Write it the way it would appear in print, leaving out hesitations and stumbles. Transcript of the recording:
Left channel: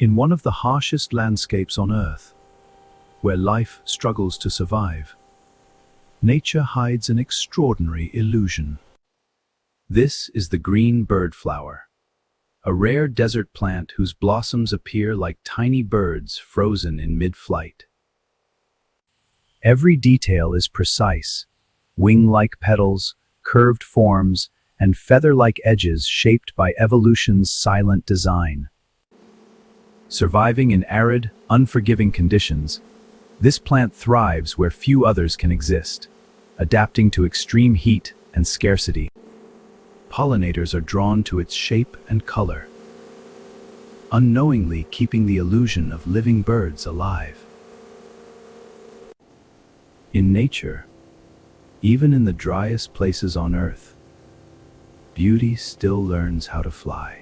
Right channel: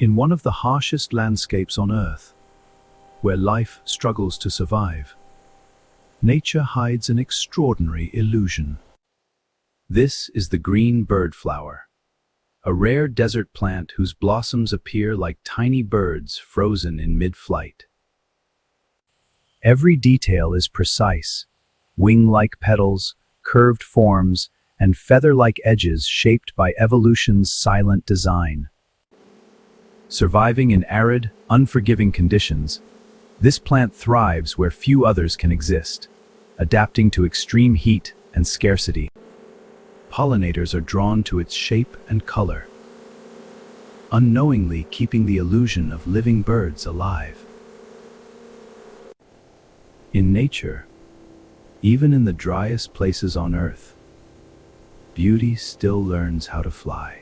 In one of the harshest landscapes on Earth, where life struggles to survive, nature hides an extraordinary illusion. This is the green birdflower, a rare desert plant whose blossoms appear like tiny birds frozen in mid-flight. Every detail is precise: wing-like petals, curved forms, and feather-like edges shaped by evolution's silent design. Surviving in arid, unforgiving conditions, this plant thrives where few others can exist, adapting to extreme heat and scarcity. Pollinators are drawn to its shape and color, unknowingly keeping the illusion of living birds alive. In nature, even in the driest places on Earth, beauty still learns how to fly.